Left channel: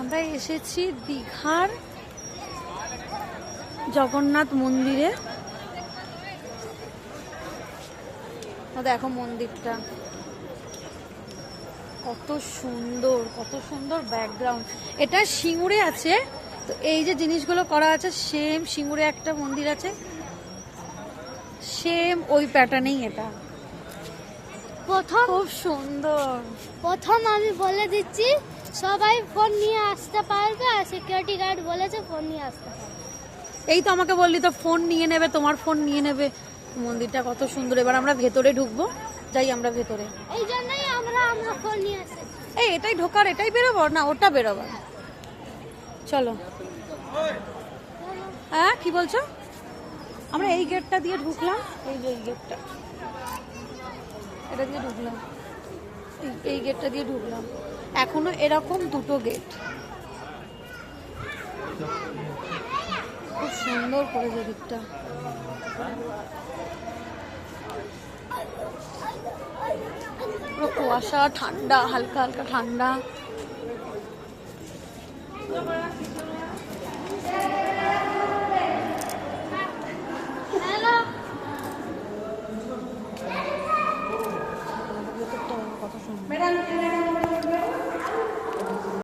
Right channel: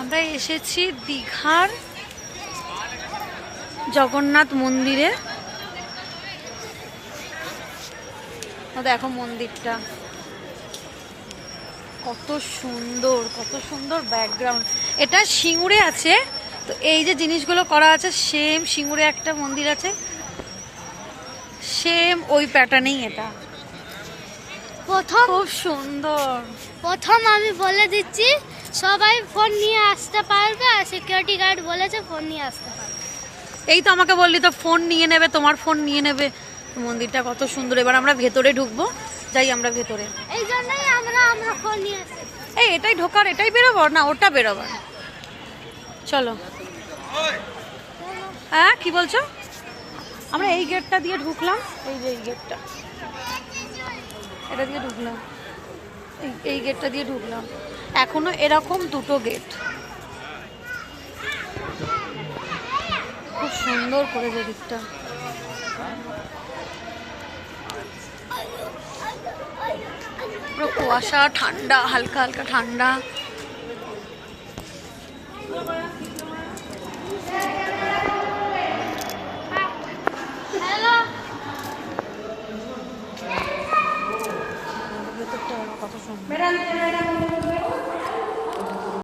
আমরা এসেছি দীঘার জগন্নাথ মন্দিরে। দেখো মন্দিরটা কত সুন্দর, কত সুন্দর ব্যাকগ্রাউন্ড। এটা সিঙ্গুরে আছে, তো এই যে জিনিসগুলো করা আছে সেম সিঙ্গুরে একটা মন্দির আছে, সেম ওই প্যাটার্নেই এটা। প্রথম খুব সুন্দর। প্রথম আমি বলে দিচ্ছি, সবাই ফোন নিয়ে আসতে পারবে, আর সিকিউরিটি গার্ড বলেছে ফোন নিয়ে আসতে পারবে। এই তো আমাকে বললি তো ফোন নিয়ে নেবে, তোমার ফোন নিয়ে নেবে। মন্দিরটা কত সুন্দর। এবার আমরা ভেতরে ঢুকবো, যাই আমরা ভেতরে। এই জন্যই আমরা ফোন নিয়ে আসি। এই এটাই ঢোকার, এটাই বেরোবো না ওটা বেরোবার? চলো। হ্যাঁ কি বলছো? আমরা এই গেটটা দিয়ে ঢুকলাম, এই যে এই গেটটা, এটা দিয়ে ঢুকলাম, এই গেটটা দিয়ে ঢুকলাম। এখনো এরকম দুটো গেট, খুব সুন্দর করেছে দিকটা। পুরো কুয়াশা, ঠান্ডা, হালকা হালকা ঠান্ডা। ভেতরটা কত সুন্দর।